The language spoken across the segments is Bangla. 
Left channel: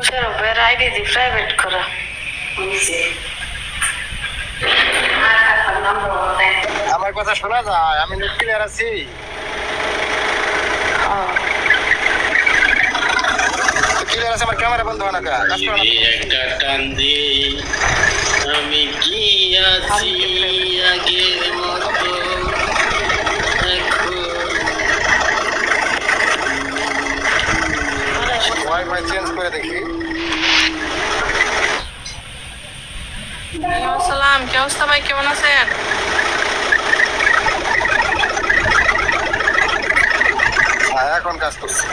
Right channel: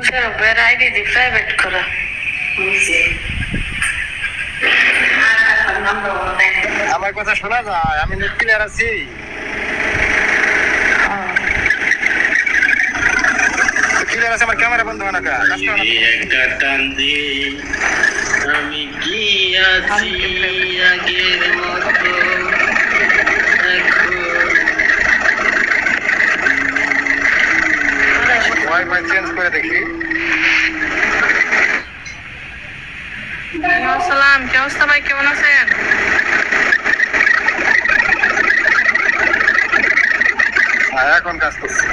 আইডি দি প্রাইভেট করা আমার কথা শোনা যায়? আমি নেট ক্লিয়ার আছি। ক্লিয়ার আছে? আমার ক্যামেরা বন্ধ হয় না কা? একটা টান দিয়ে আমি কি আছি আগের মতো ওয়াইফাই চেঞ্জ করে দেখি। আসসালাম, কি অবস্থা ভাই, কেমন আছেন? এখন কাজ করছি।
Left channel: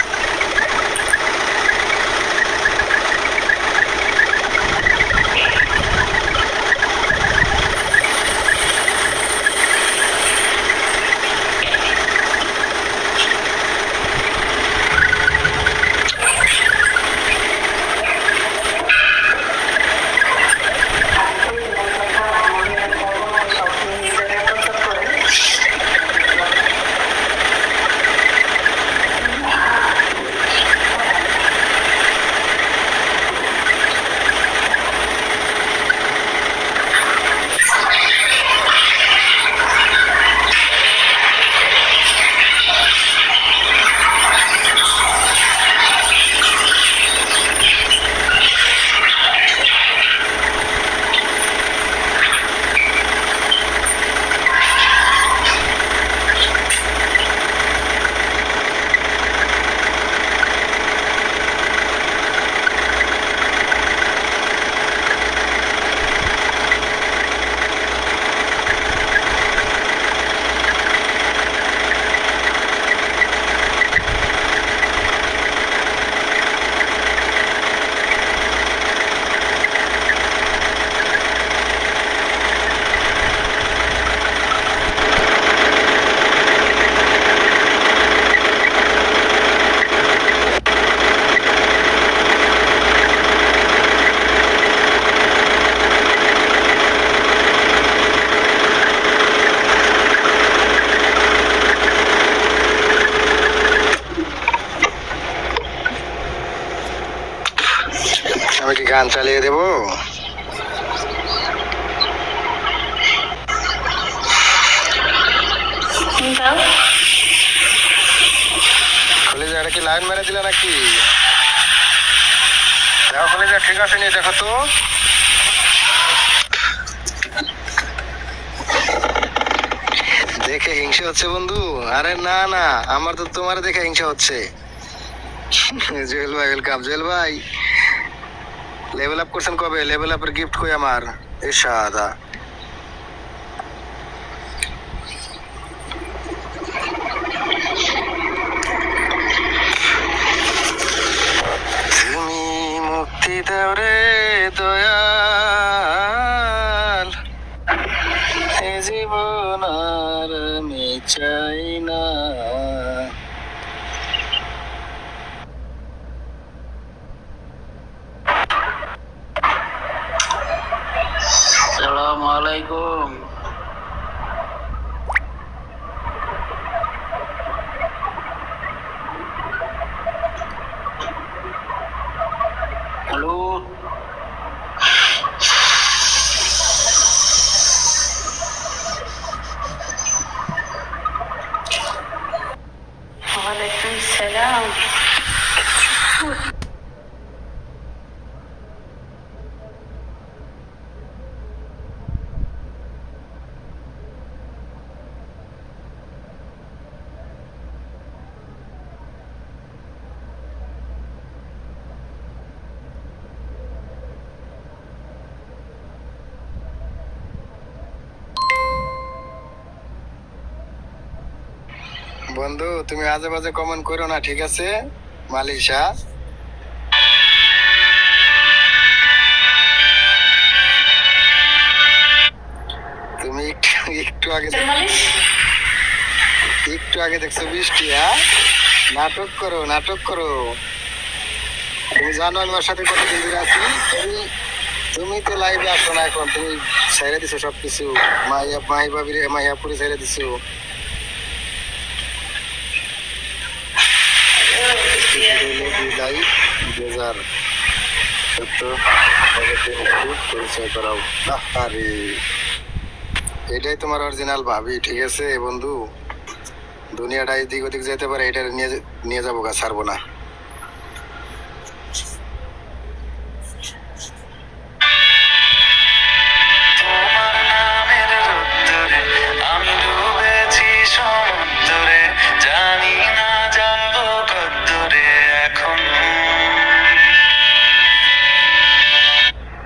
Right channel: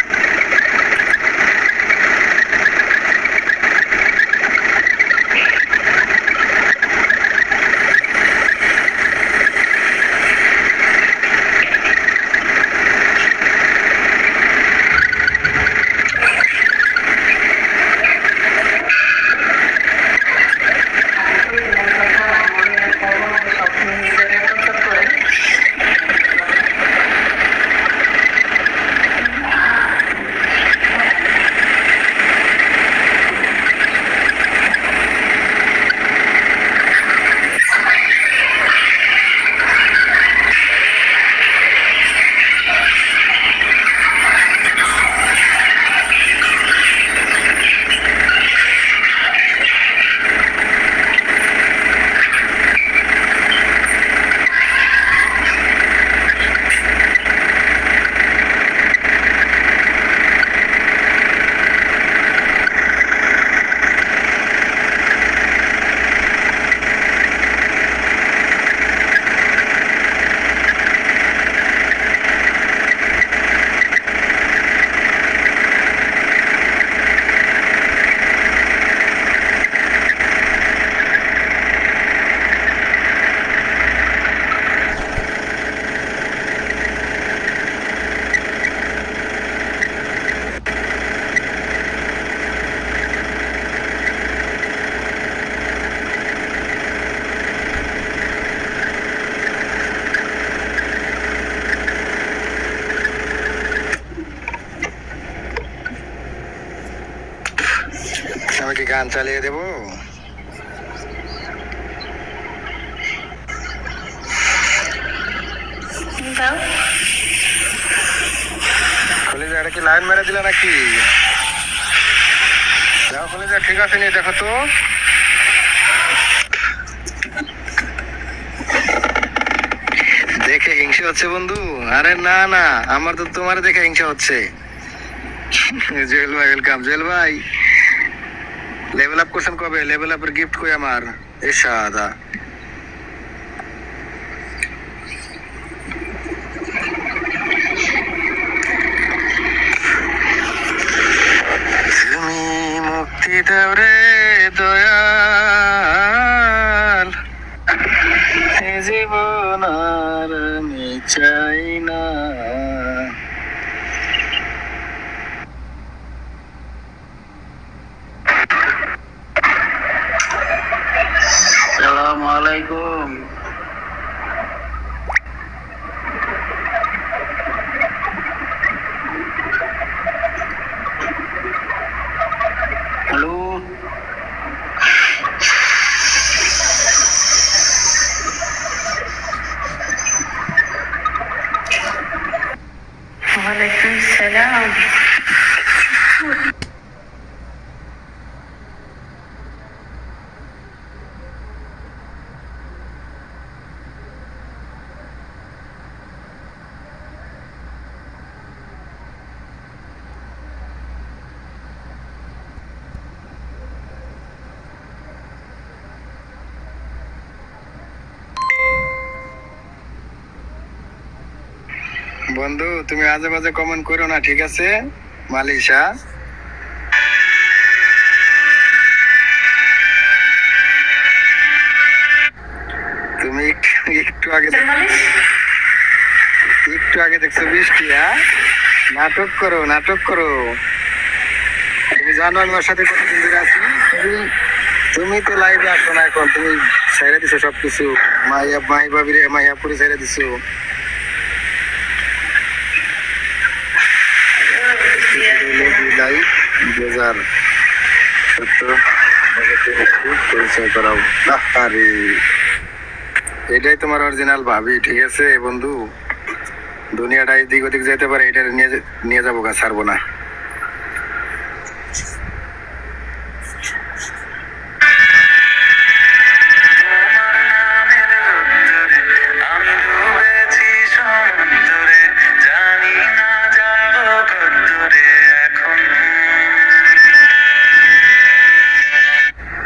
আমি কি গান চালিয়ে দেবো? কলেজে এটা কি লাইন মেরে দিলে নাকি? দেখো কলেজে ঠিক আছে নি, দেখো তো। দেখে হিংসা হচ্ছে বন্ধু? আরে না না, আমার তো তোমার দেখে হিংসা হচ্ছে। জুয়েল ভাই ওয়েলকাম। জুয়েল ভাই লেভেল আপ করছেন কবে? লেভেল আপের গিফট কই আমার? এ সাদা তুমি মুক্তি দাও রে দয়াল, এ জীবন আর আমি চাই না। আসসালামু আলাইকুম। হ্যালো, ওয়ালাইকুম সালাম। বন্ধু তুমি আজে বাজে কমেন্ট করো না, ঠিক আছে? মালিশা তুমি একটু আগে দেখছো বৃষ্টি? হ্যাঁ, নাটক করো নাটক করো। তুমি জানো আমি ওর সাথে কতদিন ধরে আছি? তুমি তো লাইভে আসো না এখন, তুমি ছেড়ে দিছো সবকিছু। মাইয়াপুরি ছেড়ে দিছো। লাইভ বেজার সত্য পরিচয় করাও। আরে এটাই তোমার অরিজিনাল ভাবি, ঠিক আছে বন্ধু? দুনিয়াটা এদিক ওদিক যেতে পারে, এটা নিয়ে যাবো গা, ছাড়বো না।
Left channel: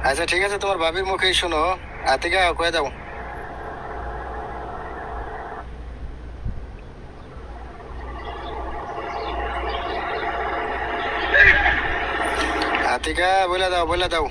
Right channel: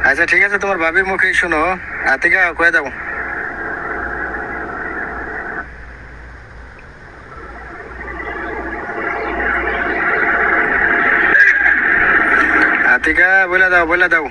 আচ্ছা ঠিক আছে, তোমার ভাবির মুখেই শোনো। আতিকা কয়ে দাও। আতিকা বলে দাও, বলে দাও।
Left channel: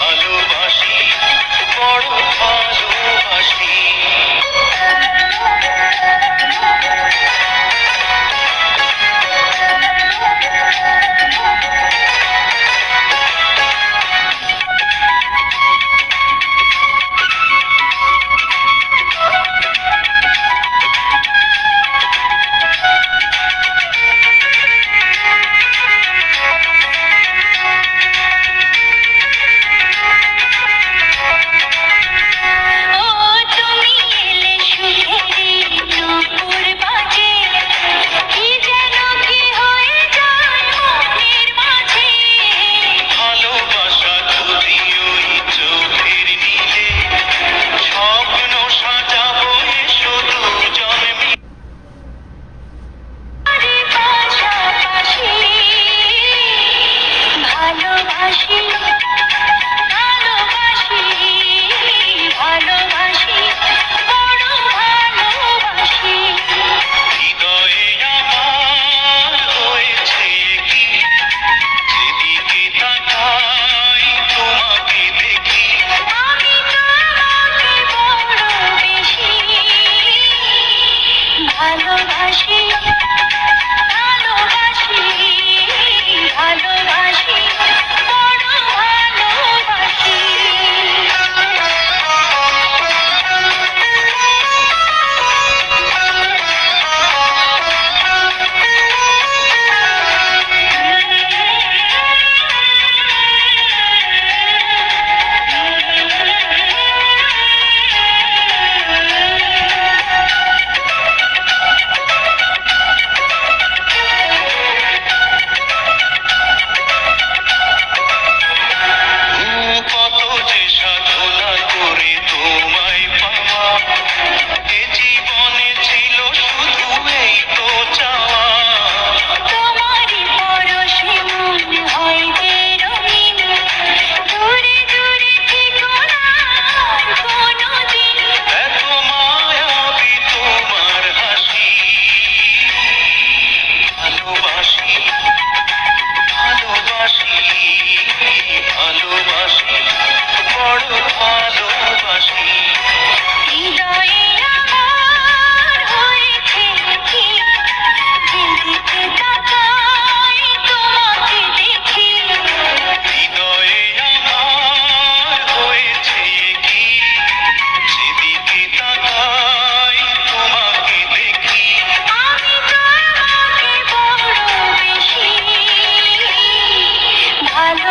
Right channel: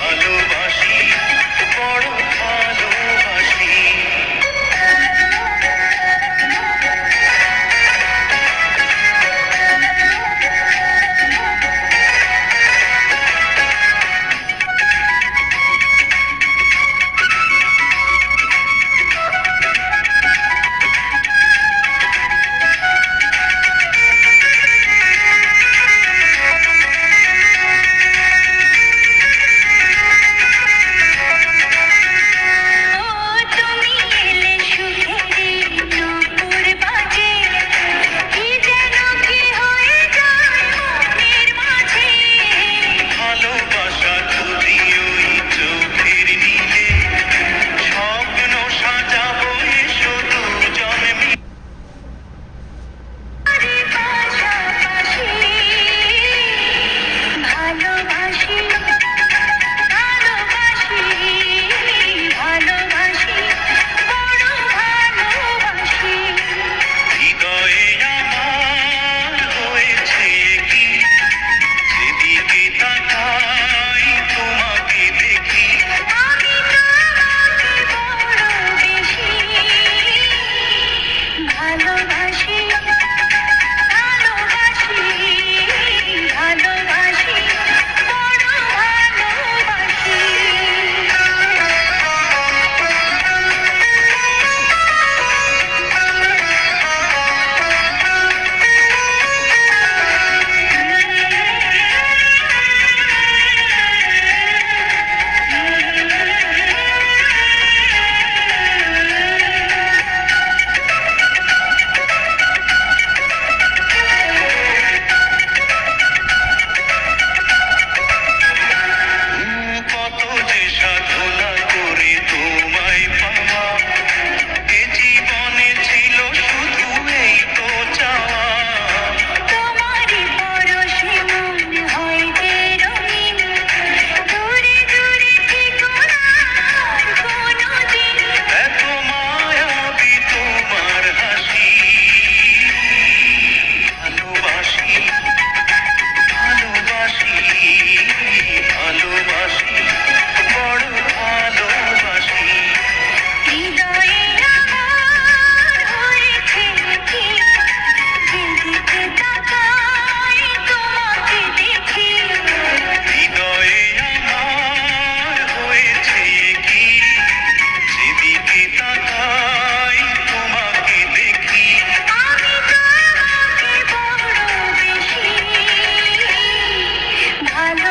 ভালোবাসি, বড় ভালোবাসি।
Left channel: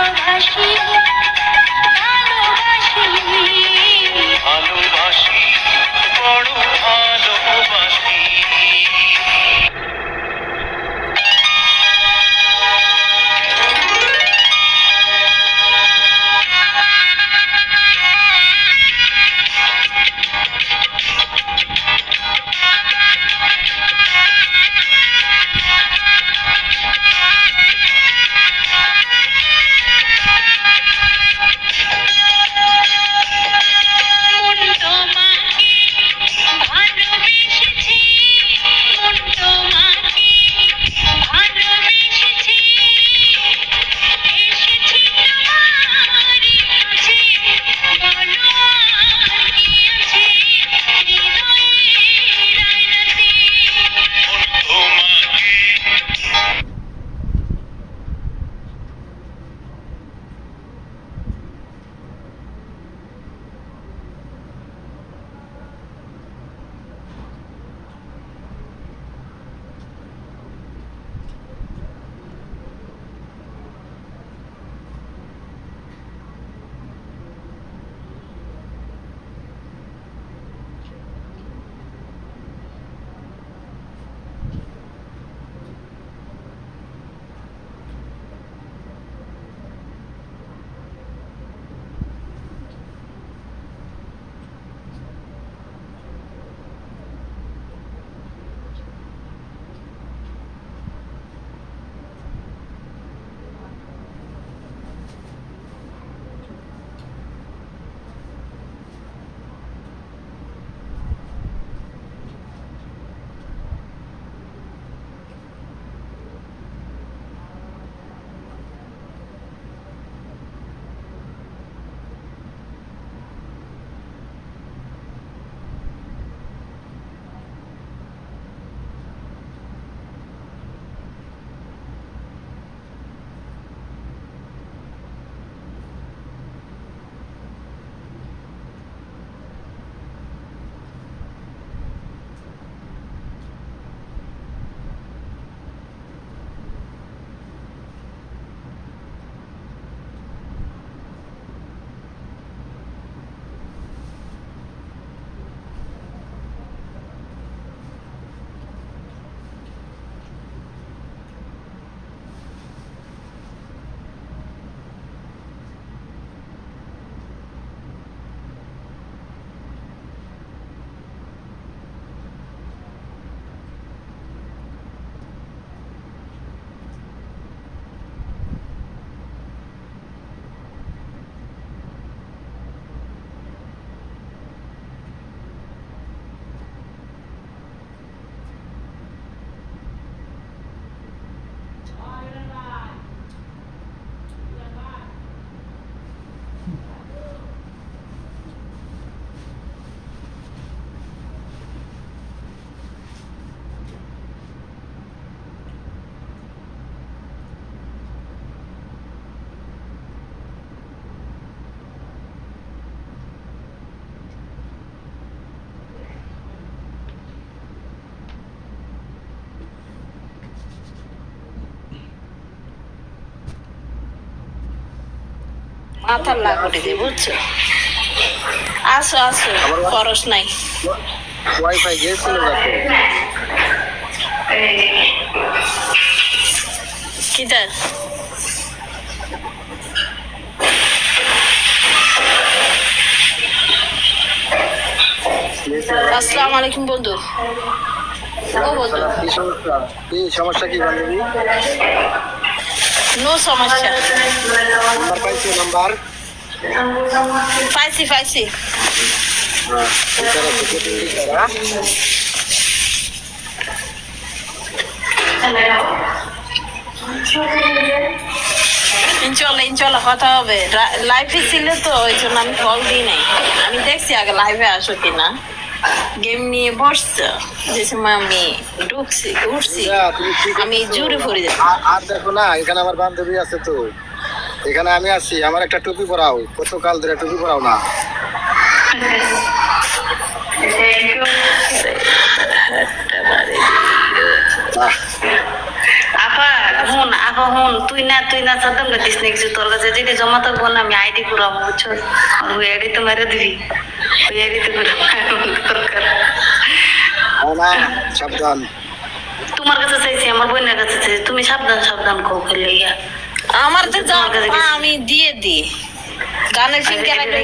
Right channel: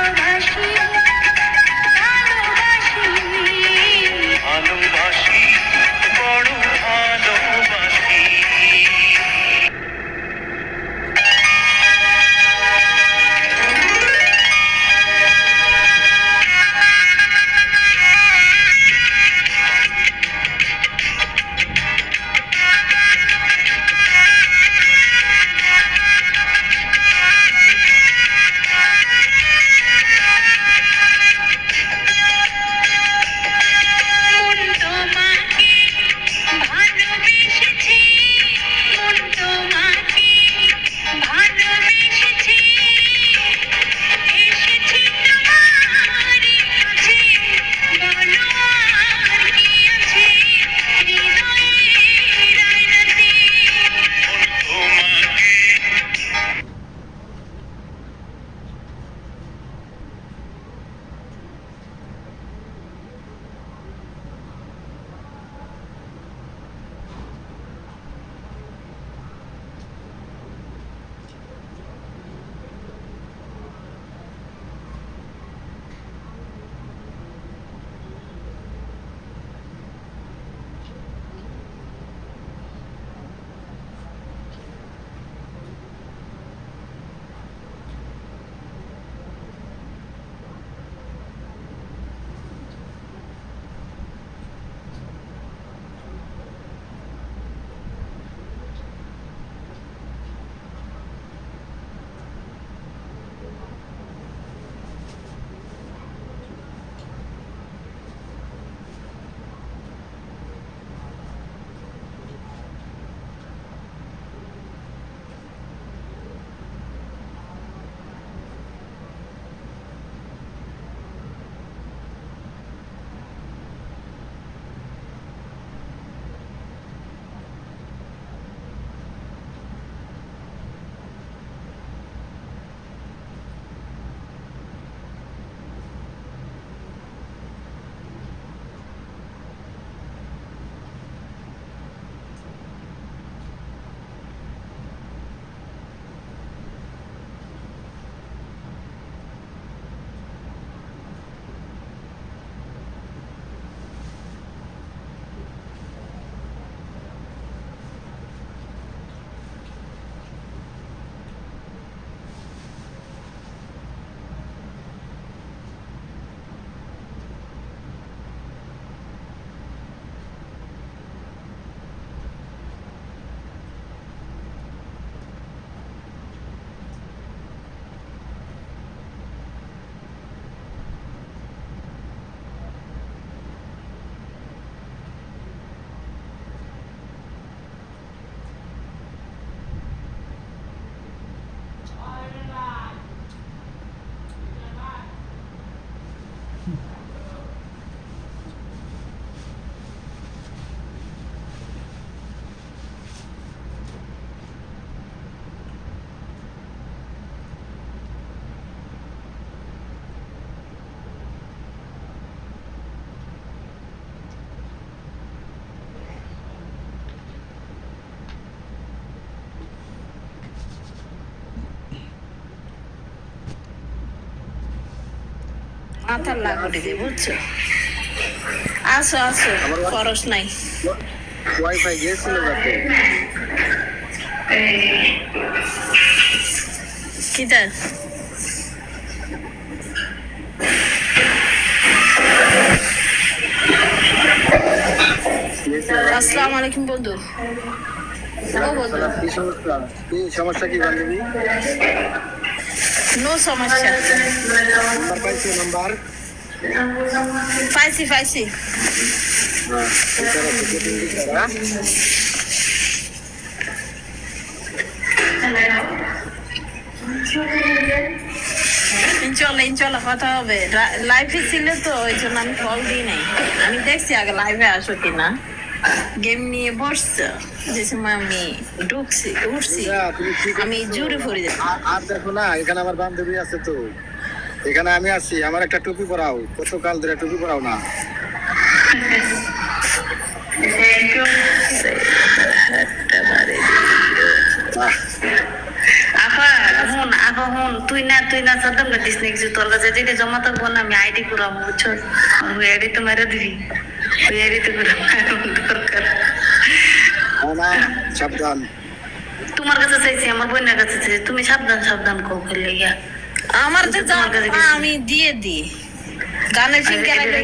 ভালোবাসি ভালোবাসি ভালোবাসি বড় ভালোবাসি মন তোমাকে ভালোবেসেছি মন তোমাকে ভালোবেসেছি এসেছি তোমার কাছে বলো আর কি আছে হৃদয়ের আয়নাতে তোমাকে মাথার লাগড়ে দিয়ে বুঝছো আসো আসো খরচ নাই ওয়াইফাই গিয়েছিল দেখো কিদার আসসালামু আলাইকুম বন্ধু ও বন্ধু কি সমস্যা কি বান্ধবী নো সমস্যা নাম্বার পাইছো নাম্বার পাইছি পাইছি ইনশাল্লাহ ইনশাল্লাহ কথা হবে লাইভে ছিল তো ওই জন্য আমি কল দিই নাই আমি দেখছি আগে লাইভে আসো কিনা গেম নিয়ে বসছো যে সময় আমি ঢুকছি উঠছি আমি জুড়ে পড়ে যাচ্ছি আর দেখো না এখানে আমার বান্ধবী আছে তো এখানে আমি আছি আমার একটা টুপি পরাও কত কাল ধরে টুপি পরাও না আপা হুন তুই না সাদ্দাম না দিস না কিছু তোর কাছে যেটা জমা থাকবো না আমি আইডি করাবো বুঝছো ওই আইডি তো মেরে দিবি ওই আইডি তো করাবো দরকার না সাবধান। তোমার কাছে চাইছি আমার বোনের কাছে চাইছি তুমি সাবধান কো খেলে গিয়া আমার তো যা আমি দিয়ে দিই গানের ফিঙ্কে রাখলে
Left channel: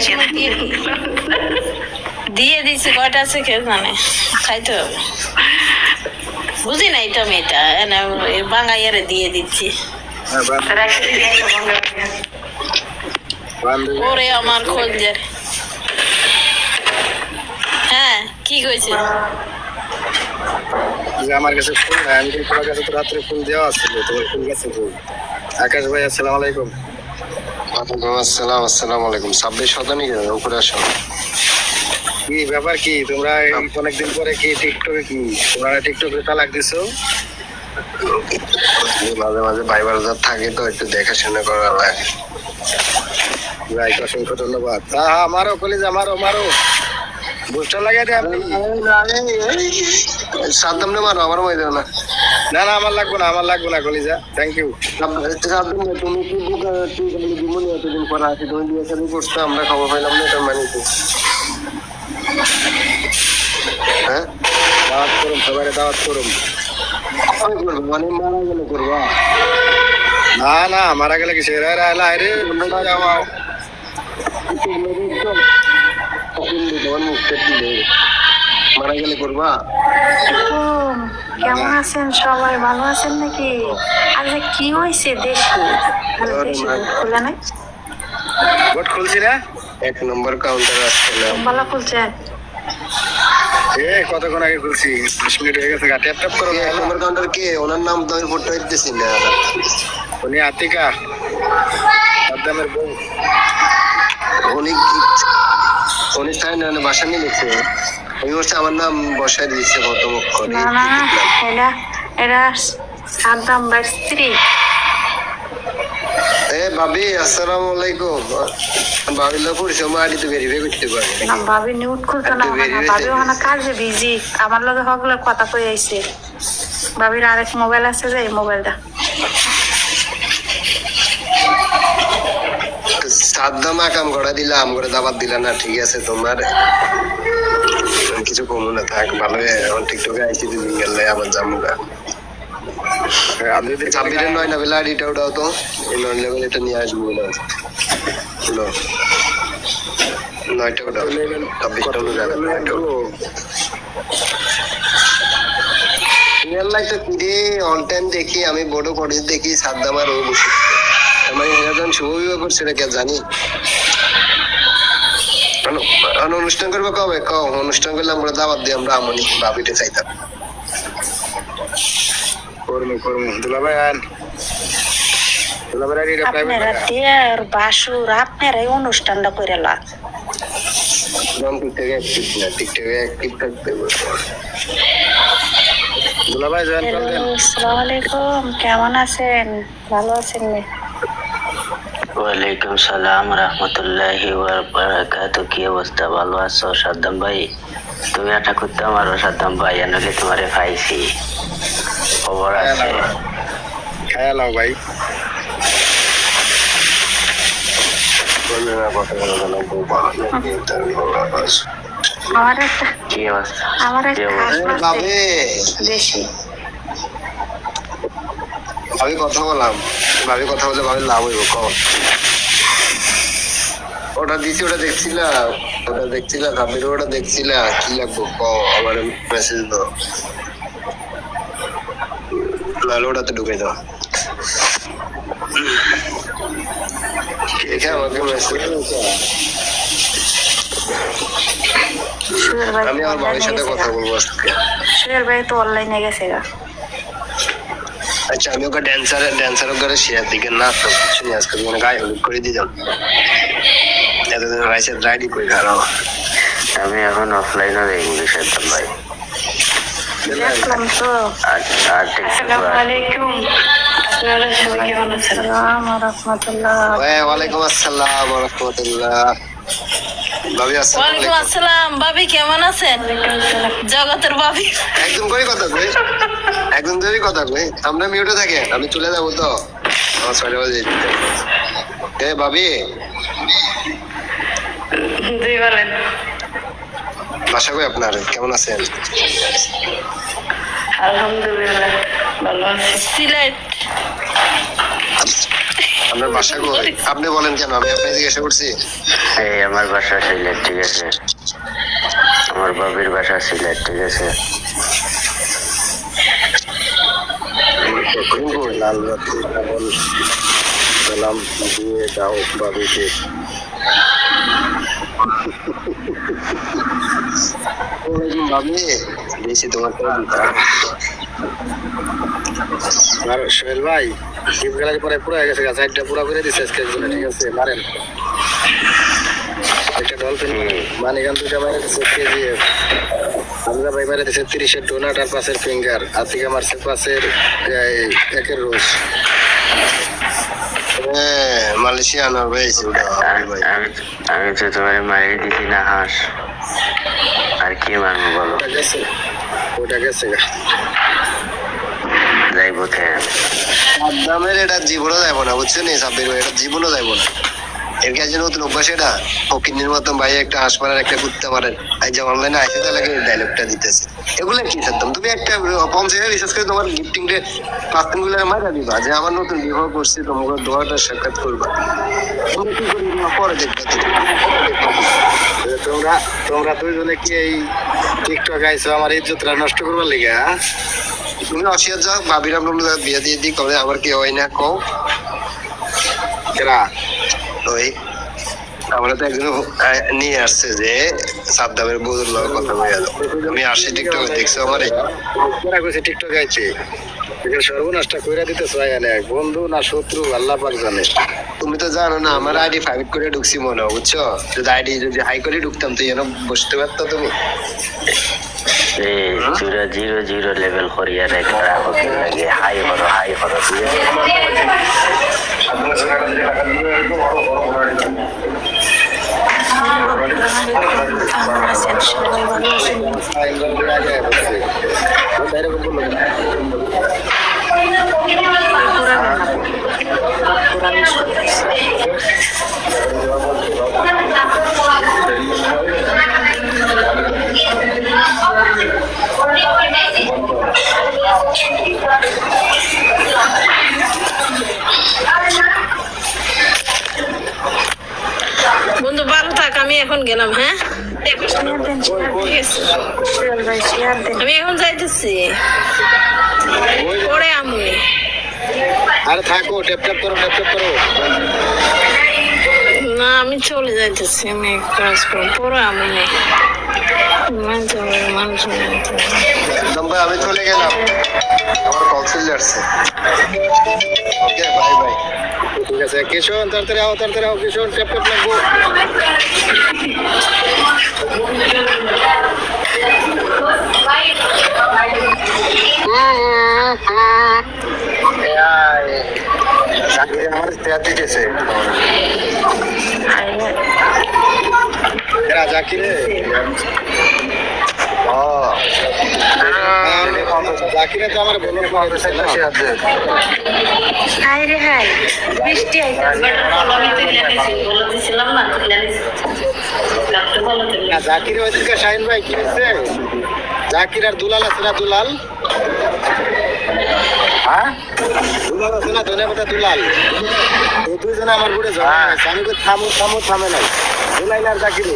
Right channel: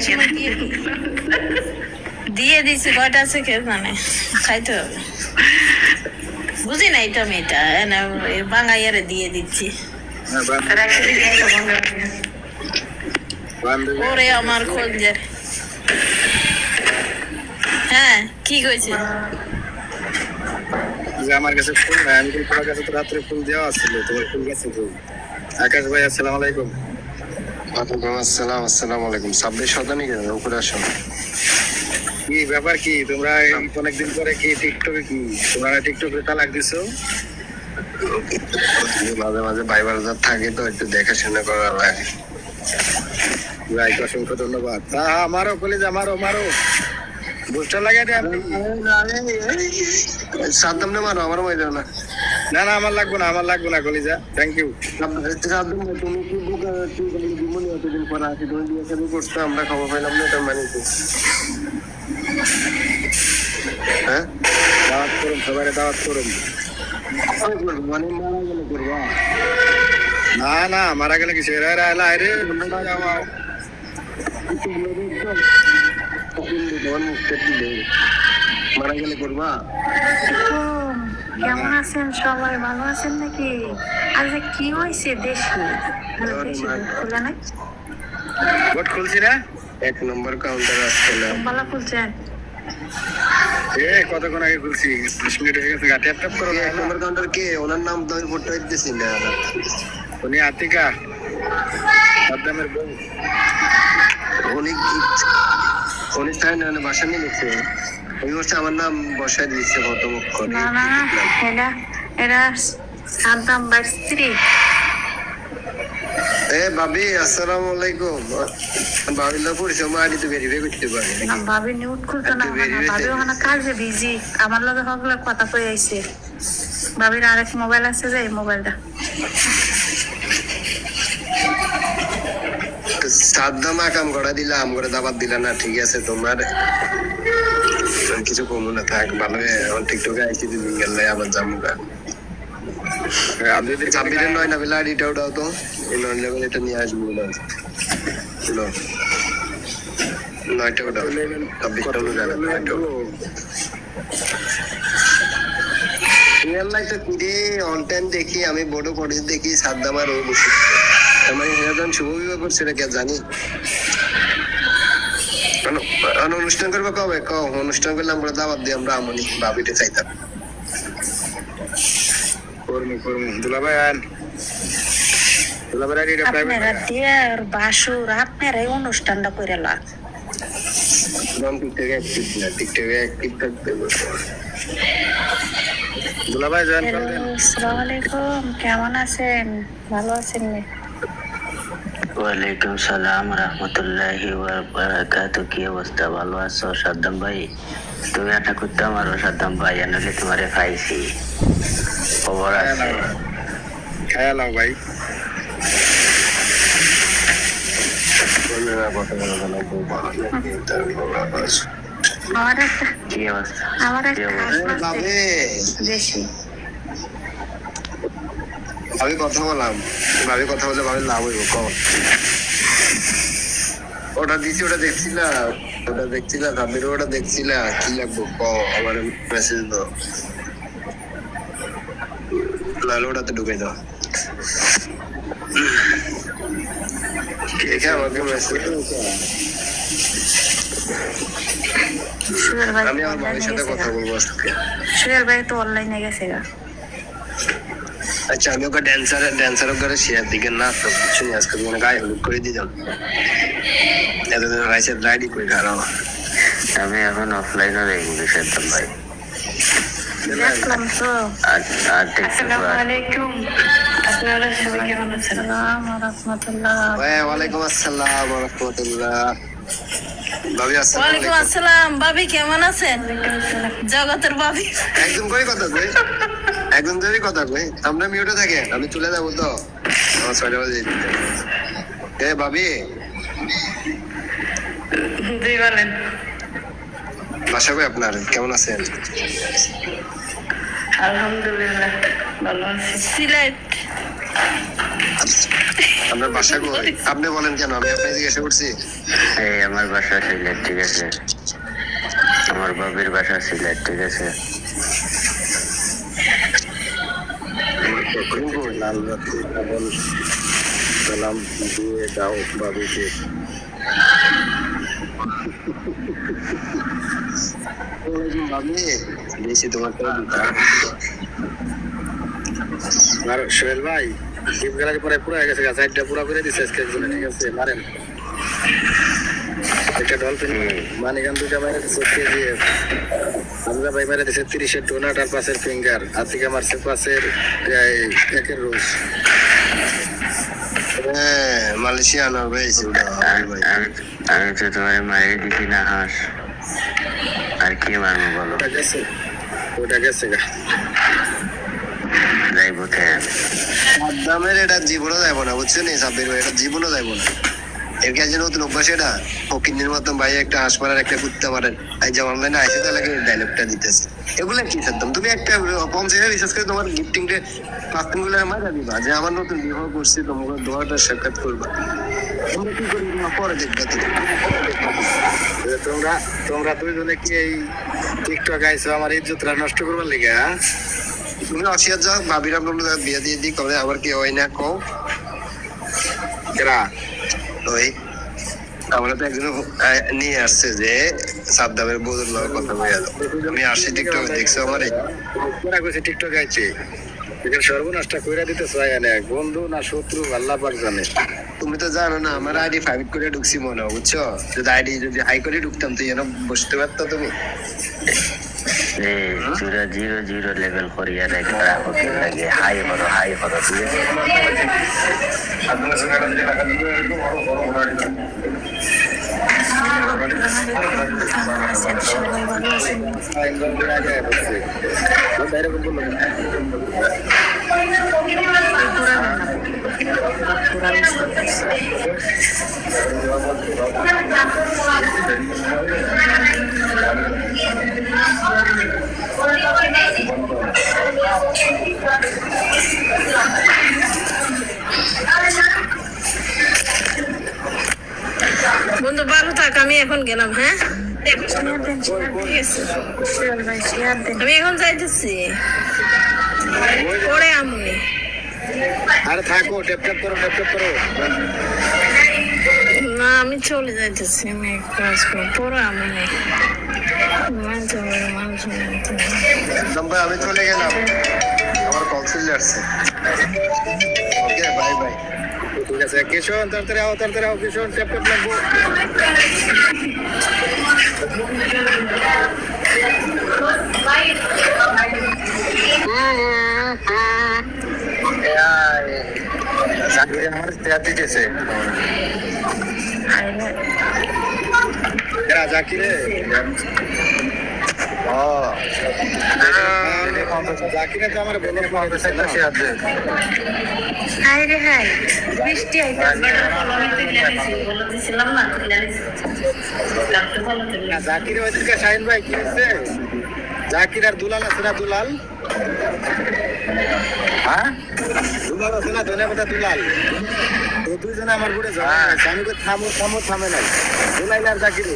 দিয়ে দিছি কয়টা আছে কেউ জানে খাইতে হবে বুঝি না এটা আমি এটা বাঙাইয়ারে দিয়ে দিচ্ছি হ্যাঁ, বান্ধবী ওরে আমার খোঁজের হ্যাঁ কি কইছে যে আমার কাছে ফুল নাই, আমি কিন্তু তোমার কাছে তো রাত্রে ফুল দেওয়া ছিল, তোমার ফুল কাছে ফুল। আকাশ ভাই আসসালামু আলাইকুম। ওয়ালাইকুম আসসালাম। আসসালামু আলাইকুম। 26 শতানি উপরে আসো। কি ব্যাপার কি তোমরা অনেকদিন পরে কি টিকটকে কি তোমরা টিকটকে তালাক দিছো? মাঝে মাঝে ভাই বাজার থাকে তো একটু দেখাশোনা করা লাগে। ভাই অসংখ্য ধন্যবাদ। হ্যাঁ আমারও কলেজ আমারও বুস্টার লাগাই দে আপনি। সাদ্দাম নে মারো, আমার মাইরো না। না আমার লাগবে না কলিজা, থ্যাংক ইউ। সাদ্দাম না, তুমি কি বুক তুই বলি জীবনে এতদিন পর আসি তুমি দিয়ে সাথে করছো, আমরা খবর পাইলাম না, এটা মানি তো। হ্যাঁ দাওয়াত করুন, সবাই দাওয়াত করুন। মানে মারা গেলে করবা? না মারা গেলে কি সেরা এলা রে যাও মারা গেলে করবা? কেমন আছেন সবাই ভালো আছেন নাকি? আরে কি হয়েছে দেশে খোলা নাই ভোট খুলছি না, 1 নম্বর কাউন্টার আসছে না। ভালো খুলছেন কতক্ষণ আগে খুলছি, 10 মিনিট হয়ে গেছে। ট্যাপ করো। 1 নম্বর কাউন্টার কে? ওনার নাম তো আমি ফটো দিতেছি না। উনি আতিকা সাদ্দামের বউ। উনি তাই না বাসা নিয়ে নিচ্ছে, ওই হচ্ছে আমার নাম বসায় দিচ্ছে কত মুখ না এটা সাদ্দাম ভাইয়ের স্ত্রী। ভাবি আসসালামু আলাইকুম। ভাবি লোক সময় আইডি তো ভেরিফাই করতে পারি না ভাবি নিউট খুলতো না, ভাবি ওখানে কাজে বিজি, আমার লগে সকলে কথা কই আইছে। ভাবির আরেক মোবাইল আছে যে এই মোবাইলটা। সাদ্দাম আকাম করা দিলা, আম করে দাবাত দিলা না, ঠিক আছে তোমার কিছু কমু না, থাক ভালো। এখন টিকটকে আইসি দুদিন গেলে আবার জামুগা। আপনি যদি 26 9 না বেলা আইডিটা উঠাও তো, এই 9 লেভেল এটা নিয়ে আসবো না। 9টা উঠাও, 26টা উঠে যাবে। 9টা রিয়েল লাইফে ফিরে অল টাইম দেখি আমি, বড় করে দেখি সাদ্দাম আর ও বসে মানে এরকম শুভ বিবাহ করছে এটা কে জানি। অনুষ্ঠান করবে কবে? অনুষ্ঠান করলে আমরা দাওয়াত দিই, আমরা আমনি ভাবিতে চাইতাম। করমু দুলাভাই আন, দুলাভাই এটা প্রাইভেট আপনারা দেয়ার বাসুর আপনারাই অনুষ্ঠানটা করে লাগ। টিকটকে অ্যাক্টিভ থাকতে হবে। দুলাভাই জয়েন করে দেন। আসসালামু আলাইকুম, কেমন আছেন? ভালো আছেন নি? ওয়ালাইকুম সালাম রহমতুল্লাহি ওয়া বারাকাতুহু। কি অবস্থা, ভালো আছো সাদ্দাম ভাই? তুমি এটা করতে আমারও সাদ্দাম ভাই, এনলে তোমারে পাইছি, খবর আছে? খায়া লাও ভাই। কি অবস্থা? আমার কি একটা অবস্থা? ভাবে দেশি ভাবি কথা বললাম, ভাবি কথা বলে ভাবি লাভ হইব। ওটা দিছি, ওটা দেখছিলা ভাবির ওটা দেখছিলা, কি লাগবো আমার মেসেজ দাও, নাহলে ওটাতে ঢুকে দাও। কে আমাকে মেসেজ, সুয়েল ভাই আমি আমার ভাবির সাথে কথা বলবো আজকে। সুয়েল ভাই তো অনলাইনে গেছে গা। আচ্ছা আমি ওকে ড্যান্সার ওকে শেয়ার দিকে না তো কিছু নিয়ে আজকে মানে গায়ে হলুদ করে দিলাম, এতদিন রাইসের রাইডি করে খারাপ। আমি এখন অফলাইনে দেখবো সাদ্দাম ভাই। দেখলাম তো। আর আসসালামু আলাইকুম, আপনারা সবাই কেমন আছেন? আসসালামু আলাইকুম রাহমাতুল্লাহ। ওয়ালাইকুম আসসালাম ওয়া রাহমাতুল্লাহ। ভাবি আসসালামু ওয়ালাইকুম আলাইকুম। আসসালাম, ভাবি কেমন আছেন? জগতের ভাবি। একদম করে কথা কই, একদম ধরে কথা কই। আমরা মিউটে থাকে, আমি চলে যাবো তো আমার 6টা বাজে। ভাবি জি বলেন। বাসা কই আপনার, কেমন আছেন? আলহামদুলিল্লাহ ভালো আছি। সিলেট। আপনার বাসা কই? আপনি বলেন কেন, আমি আপনাকে জিজ্ঞাসা করছি। এই আমার বাসা সিলেট, ঠিক আছে? আমার বাবির বাসা সিলেট, ঠিক আছে? লাল বাতি কেবল সালাম দিয়ে দাও বাবিকে। ভাবি দিয়েছি তোমার আর সোহেল ভাই গিফট গ্যালারি পরে পুরো হয়ে গেছে, সাইডটা পুরো করে দিচ্ছে আজকে একজনে, ঠিক আছে? মারেন একটা ডলফিন মানিগান 2টা মারে দিচ্ছে কেজিএফ, হামজা ভাই মারে দিচ্ছে 30-এর ডোনাট আর 5-এর ফিঙ্গার, আতিকা মারছে 5-এর 1-এর রোজ। মালয়েশিয়া আনার হয়েছে ওটা ভাই। আমি তো তোমার মারিয়ে দিছি না হাঁস, আর কি মারবো বলো? ওটা গেছে, ওটা গেছে গা। যাইবো থেকে সাদ্দামের এটা জীবনও যাইব না, বুঝছো নি সাব্বির ভাই, এটা জীবনও যাইব না। এর কাছে নতুন অভ্যাস এটা, ফকিন্নির মতন ভাই একটা হাঁস মারার একটা কুত্তা মারেন, এই যে অনলাইনে আইসে তাহলে ডায়লগটা দিতেছে। এগুলো কি সাদ্দাম, তুমি একটা 50 রিসার্চ করে তোমার গিফটিং ডে 5 দিন গুলো মারা দিবা যে আমার নতুন বিবাহ করছি, তোমাকে দোয়াটা সাক্ষাৎ করবা। তোমরা কি করবি পরে দেখবা তুমি। তোমরা তোমরা দুইজনে কি এই টিকটক আইছো আমার ইজ্জতটা নষ্ট করবার লিগা? তুমি অসিয়ার যাও, ভাবির আমরা বিয়ে দিয়ে দিই, কবে আবার কি হয় না কও। কেরা ওই আমরা তো একজন নিয়ে আসছে যে সাদ্দামের বউদের লগে কথা বলে গেল, আমি আসি টিকটক দেখছো আমারে। কেরা কইছে টিকটক আইছে? এখানে সর্বনাশটা কইরা দিতে চাই না, বন্ধু না শত্রু আল্লাহ পাক জানে। তুমি তো জানো না আমার আইডি 5 করে ঢুকছি মনে হয়, বুঝছো? যদি আইডি যদি হাই করে ঢুকতাম তো এনে বসতে পারতো তুমি। এই চূড়া 0-0 লেভেল করিয়া রাখো, কি লাগে হাই হরো, ঠিক আছে? এরকম বললো কেন? বন্ধু ভালো থাক, আমি এখন গেলাম। হ্যাঁ ঠিক আছে, আমি এখন যাইতেছি, পরে আমি। আরে থাকো, ট্যাপ ট্যাপ করো, ট্যাপ ট্যাপ করো। না আমি চলে যাইতেছি, আমি এক কাজ করবো, পরে আমি নেই মানুষ। একদম ভাই আমি চলে গেলাম, আমার কল চলে আসছে। Okay bye bye. ঠিক আছে কিশোর, তাড়াতাড়ি আও, তাড়াতাড়ি আও কিশোর, ট্যাপ ট্যাপ লাগবো। আমার ট্যাপ দিতেছে এরা জাকিরে। জাকিরে তো আমার বলে হাই রে হাই, বৃষ্টি আইছে। আমি তুলে নিছি, বলে দিছিলাম না, তুলে নিছি। ডাক্তার বলে তুলে। জাকিরে ওইদিকে শাহিন ভাই কি হচ্ছে? জাকির আর দুলাল আছে না? দুলাল, হ্যাঁ দুলাল আছে না? ধন্যবাদ দুলাল। এই দুইজনে আমার ঘুরে ঝগড়া হয়েছে। আমি তো থামো থামো, থামে নাই। দুলাইল আর জাকিরে,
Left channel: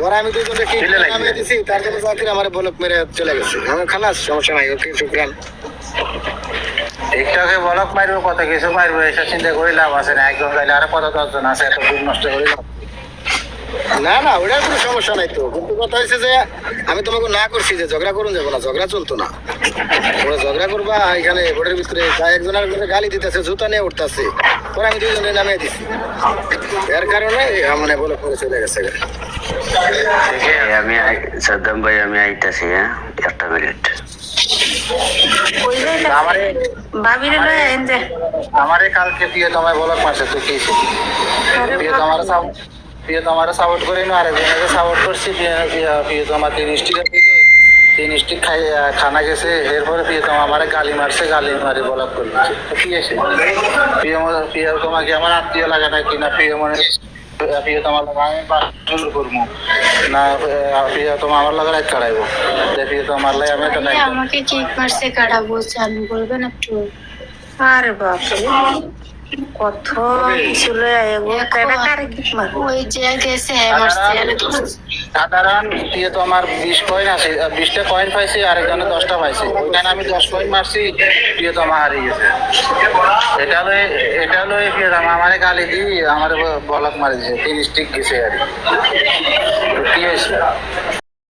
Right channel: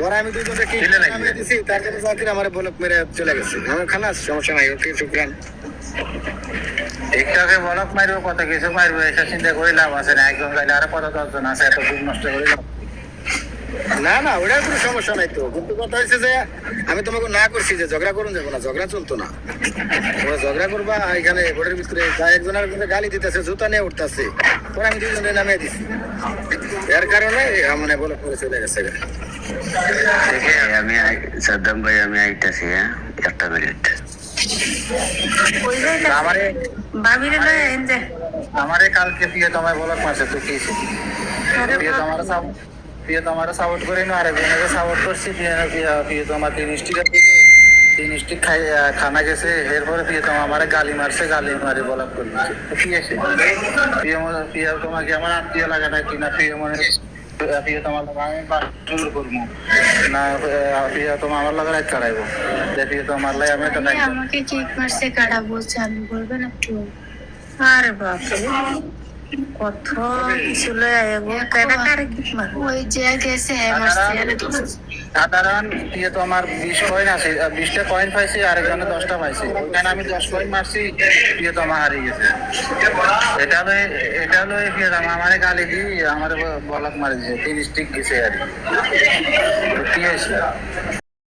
পরে আমি দুজনকে কি নামিয়ে দিছি, তারপরে জাকির আমার বলক মেরে চলে গেছে। আমার খালাস, সমস্যা নাই, ওকে শুক্রান। টিকটকে বলক মারবো, কত কিছু মারবো, এসব চিন্তা করে লাভ আছে না। একজন গাইলে আরো কত 10 জন আছে, এত দিন নষ্ট করে লাভ। না না, ওটার কোনো সমস্যা নাই তো, কিন্তু কথা হয়েছে যে আমি তোমাকে না করছি যে ঝগড়া করুন যাবো না, ঝগড়া চলতো না। ওরা ঝগড়া করবা এখানে বোর্ডের ভিতরে, একজন আরেকজনের গালি দিতেছে, জুতা নিয়ে উঠতেছে, পরে আমি দুইজনে নামিয়ে দিছি। এর কারণে মানে বলে পরে চলে গেছে। আমি সাদ্দাম ভাই, আমি আইতাছি, হ্যাঁ 1 মিনিট। কই যাই আমারে ভাবিরে লয়ে আইন যে আমারে কালকে দিয়ে তোমায় বলক মারছে তুই কি আরে প্রিয় তোমার সাপোর্ট করে নো আরে বিয়ে সাপোর্ট করছি প্রিয় তোমার 3 স্টিকের দিকে 3 স্টিক খানা গেছে এরপরে প্রিয় তোমার আমারে গালি মারি বলক করছে কি আছে প্রিয় তোমাকে আমার আত্মীয় লাগে না কিনা প্রিয় তোমার লাগে আমি বাসুর করবো না প্রিয় তোমার আমার লাগে রাত কাটাইবো প্রিয় তোমার লাগে আমি তো নাই আমাকে কেক মারছে কাটাবো চালু করবেন একটু আরে বাপ কত কিছু লয়ে আইবো কেডা কারে কি মার ওই যে গেছে হ্যাঁ মারছে আরে দোস্ত সাধারণ দিয়ে তো আমার 20 কয়েন আছে 20টা কয়েন পাইছি আর একজনে 10টা পাইছি ওখানে আমি 10 কয়েন মারছি দিয়ে তো আমার হারিয়ে গেছে এটা লয়ে ফির আমারে গালি দি আমারে বলক মারি দিয়েছে 3 স্টিক গেছে আর কি হয়েছে